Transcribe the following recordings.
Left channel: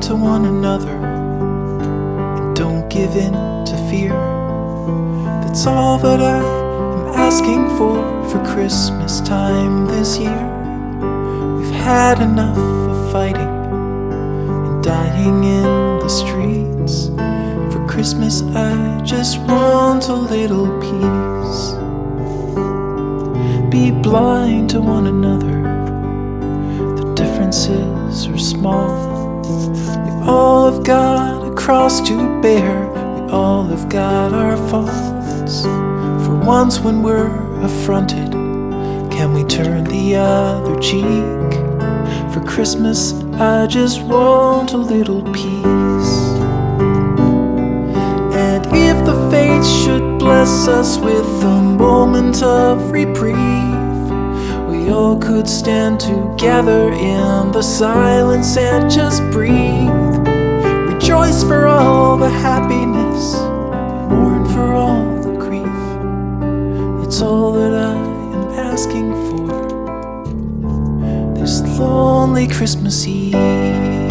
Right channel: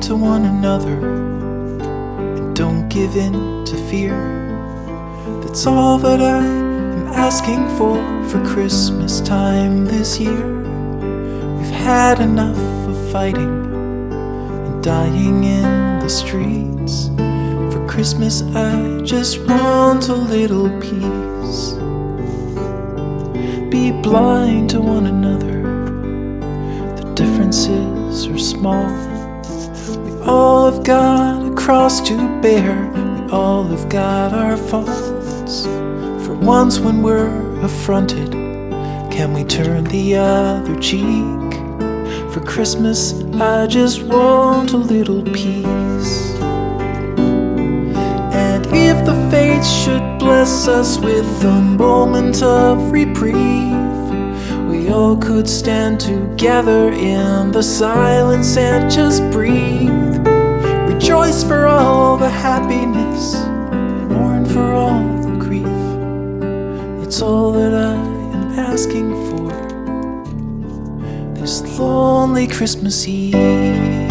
kind to one another and don't give in to fear. That's all that I am asking for Christmas time this year. We've had enough of fighting and dying in the streets. For Christmas I just want a little peace. Be blind to one another, the differences are small. We all have got a cross to bear, we all have got our faults. For once when we're affronted, can we turn the other cheek? For Christmas I just want a little peace. And if the fates should bless us with a moment of reprieve, we all could stand together in the silence and just breathe. Rejoice for all the happiness, mourn for all the grief. It's all that I am asking for this lonely Christmas Eve.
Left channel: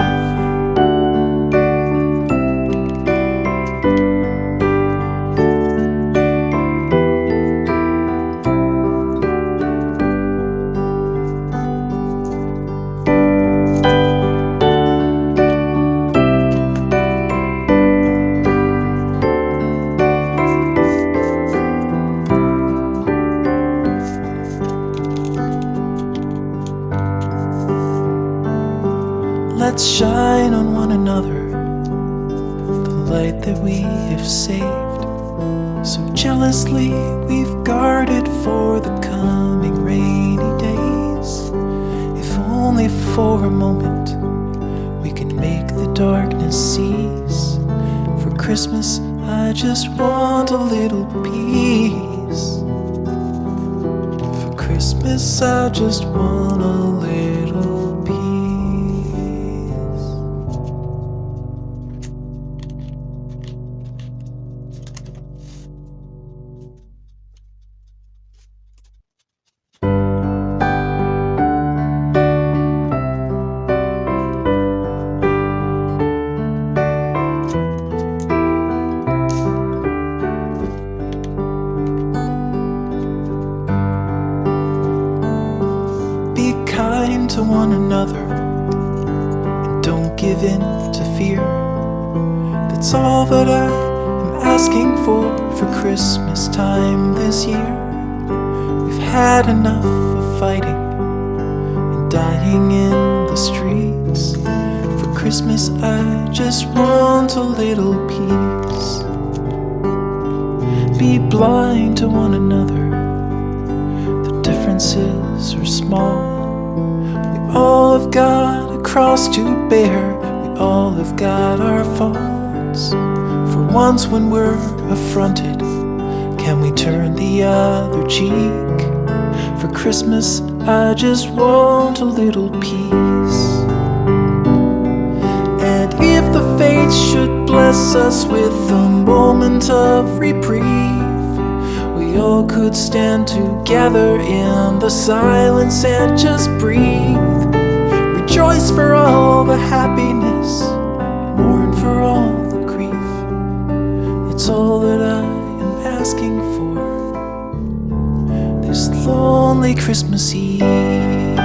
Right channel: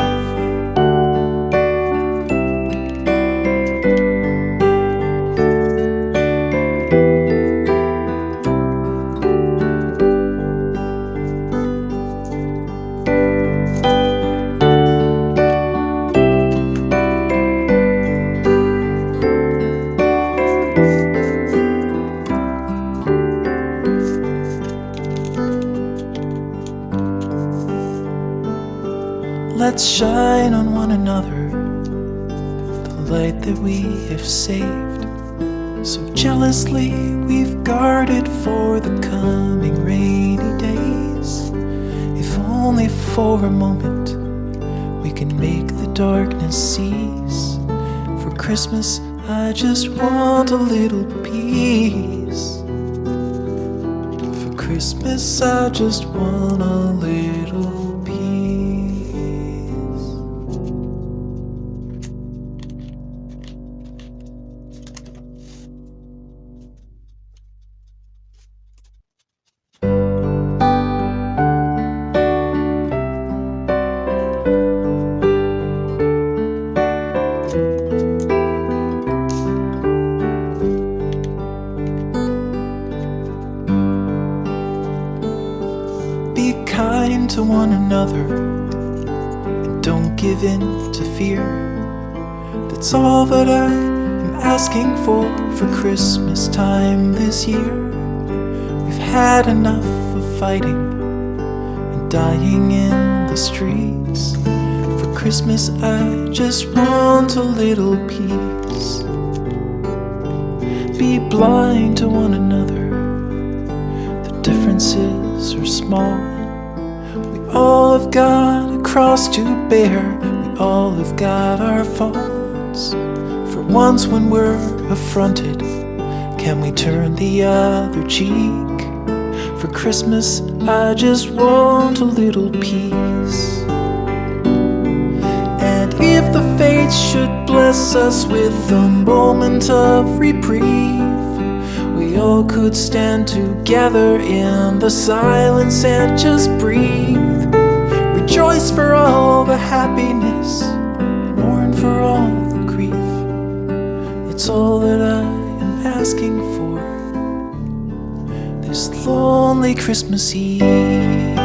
Let's shine on one another the light that we have saved. So jealously we've guarded for the coming rainy days. If only for a moment we can make the darkness cease. For Christmas I just want a little peace. For Christmas I just want a little peace. Be kind to one another and don't give in to fear. That's all that I am asking for Christmas time this year. We've had enough of fighting and dying in the streets. For Christmas I just want a little peace. Be blind to one another, the differences are small. We all have got a cross to bear, we all have got our faults. For once when we're affronted, can we turn the other cheek? For Christmas I just want a little peace. And if the fates should bless us with a moment of reprieve, we all could stand together in the silence and just breathe. Rejoice for all the happiness, mourn for all the grief. It's all that I am asking for this lonely Christmas Eve.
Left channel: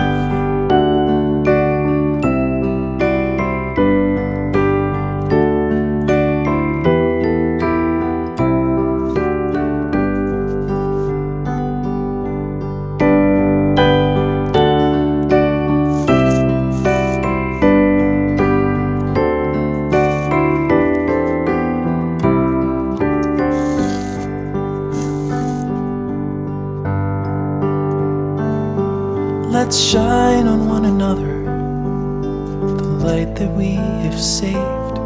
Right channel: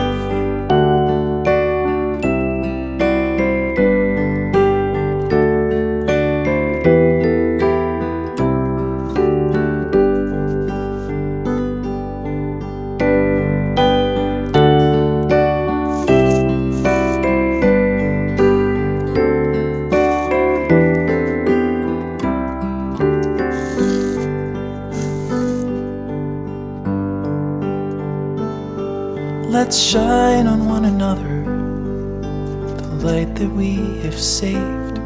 Let's shine on one another the light that we have saved.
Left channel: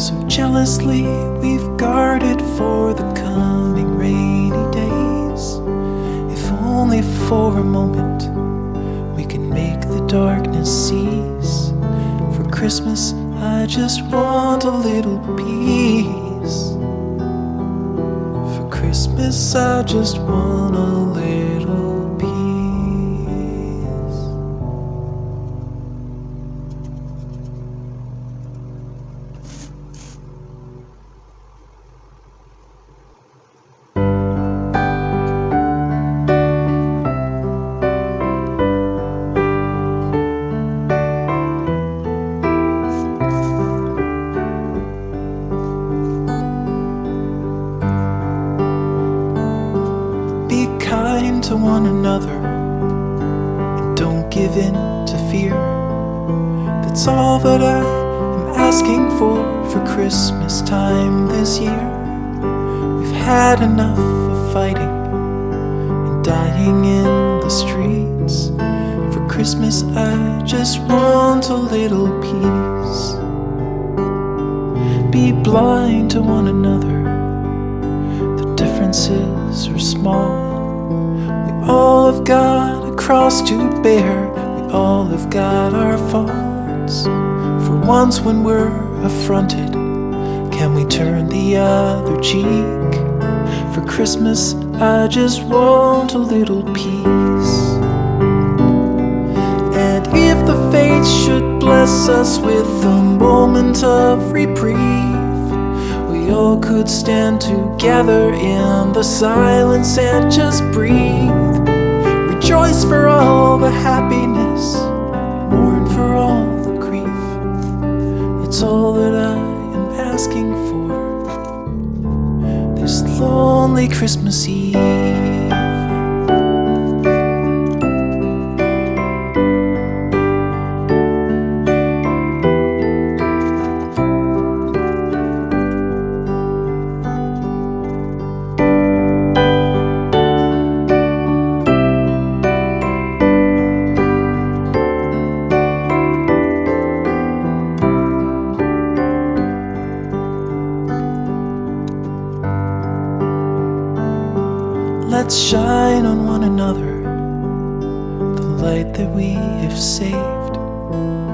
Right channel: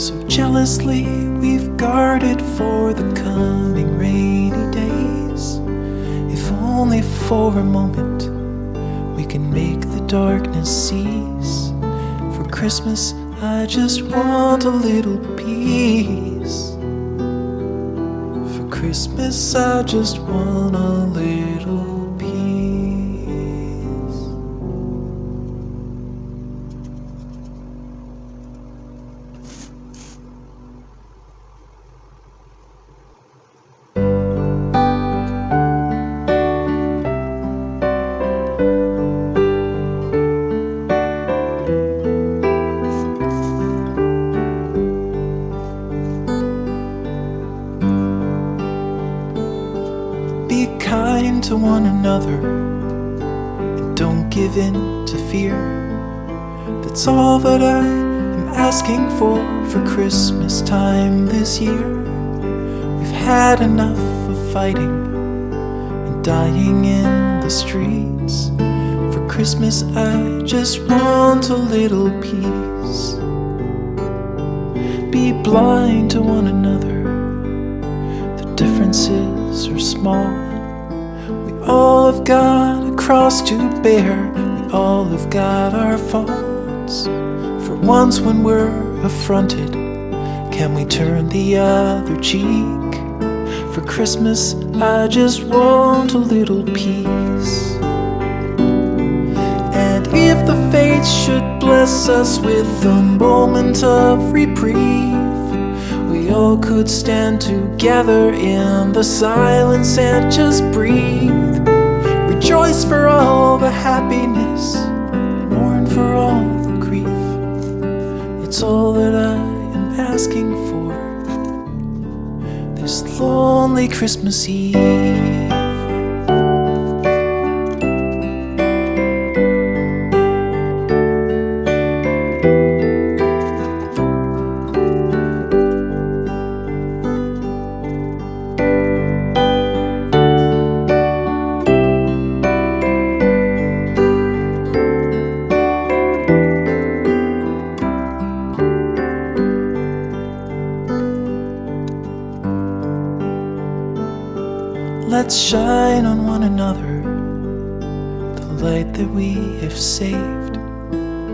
So jealously we've guarded for the coming rainy days. If only for a moment we can make the darkness cease. For Christmas I just want a little peace. For Christmas I just want a little peace. Be kind to one another and don't give in to fear. That's all that I am asking for Christmas time this year. We've had enough of fighting and dying in the streets. For Christmas I just want a little peace. Be blind to one another, the differences are small. We all have got a cross to bear, we all have got our faults. For once when we're affronted, can we turn the other cheek? For Christmas I just want a little peace. And if the fates should bless us with a moment of reprieve, we all could stand together in the silence and just breathe. Rejoice for all the happiness, mourn for all the grief. It's all that I am asking for this lonely Christmas Eve. Let's shine on one another the light that we have saved.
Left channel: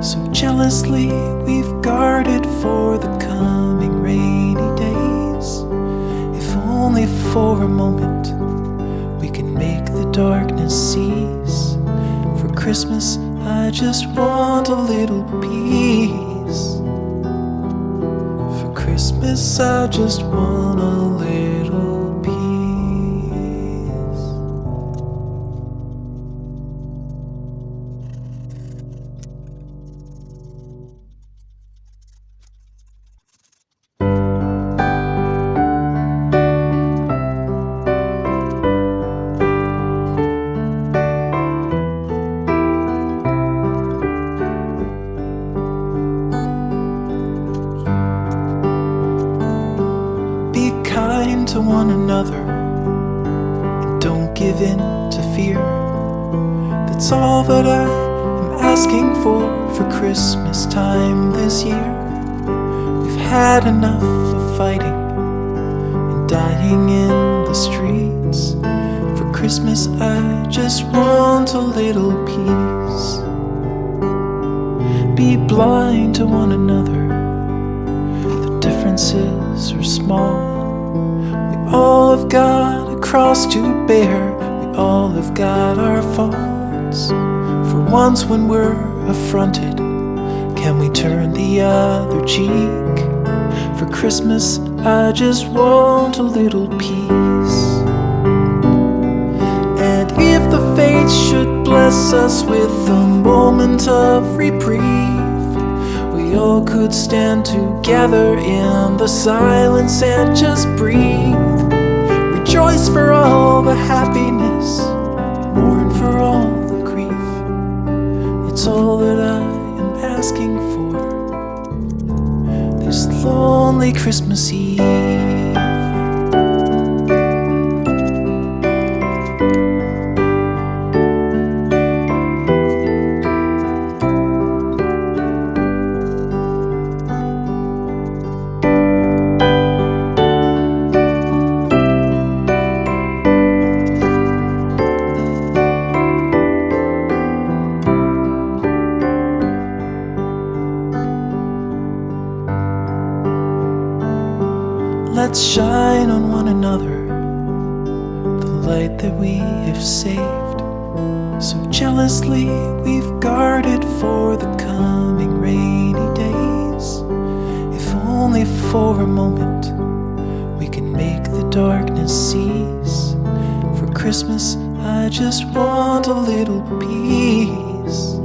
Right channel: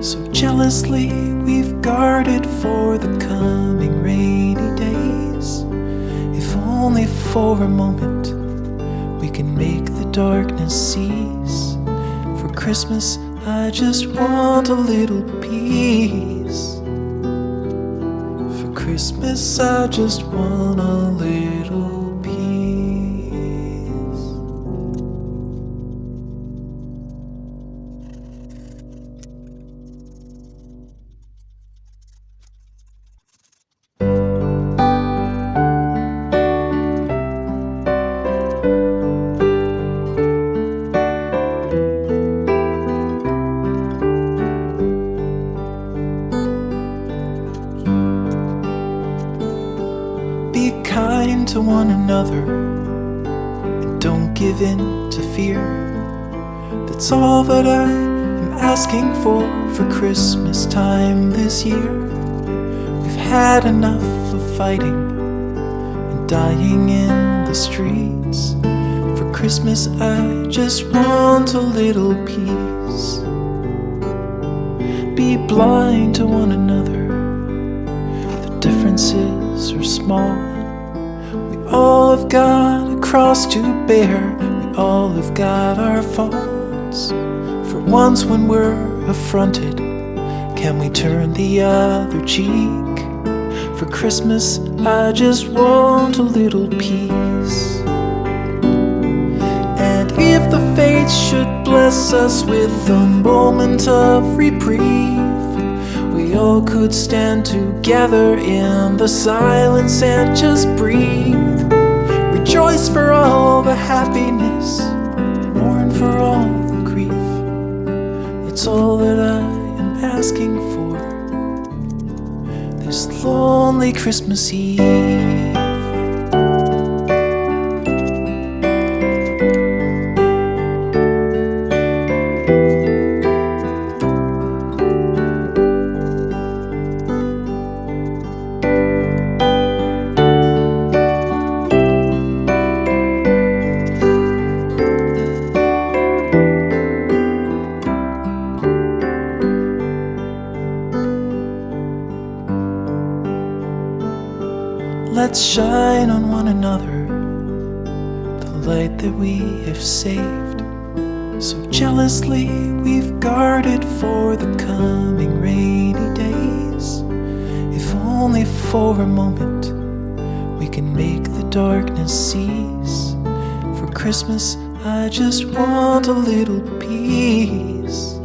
So jealously we've guarded for the coming rainy days. If only for a moment we can make the darkness cease. For Christmas I just want a little peace. For Christmas I just want a little peace. Be kind to one another and don't give in to fear. That's all that I am asking for Christmas time this year. We've had enough of fighting and dying in the streets. For Christmas I just want a little peace. Be blind to one another, the differences are small. We all have got a cross to bear, we all have got our faults. For once when we're affronted, can we turn the other cheek? For Christmas I just want a little peace. And if the fates should bless us with a moment of reprieve, we all could stand together in the silence and just breathe. Rejoice for all the happiness, mourn for all the grief. It's all that I am asking for this lonely Christmas Eve. Let's shine on one another the light that we have saved. So jealously we've guarded for the coming rainy days. If only for a moment we can make the darkness cease. For Christmas I just want a little peace.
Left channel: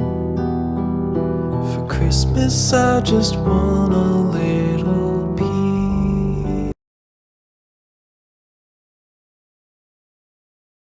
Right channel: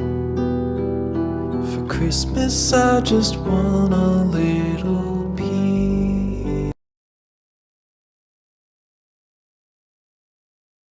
For Christmas I just want a little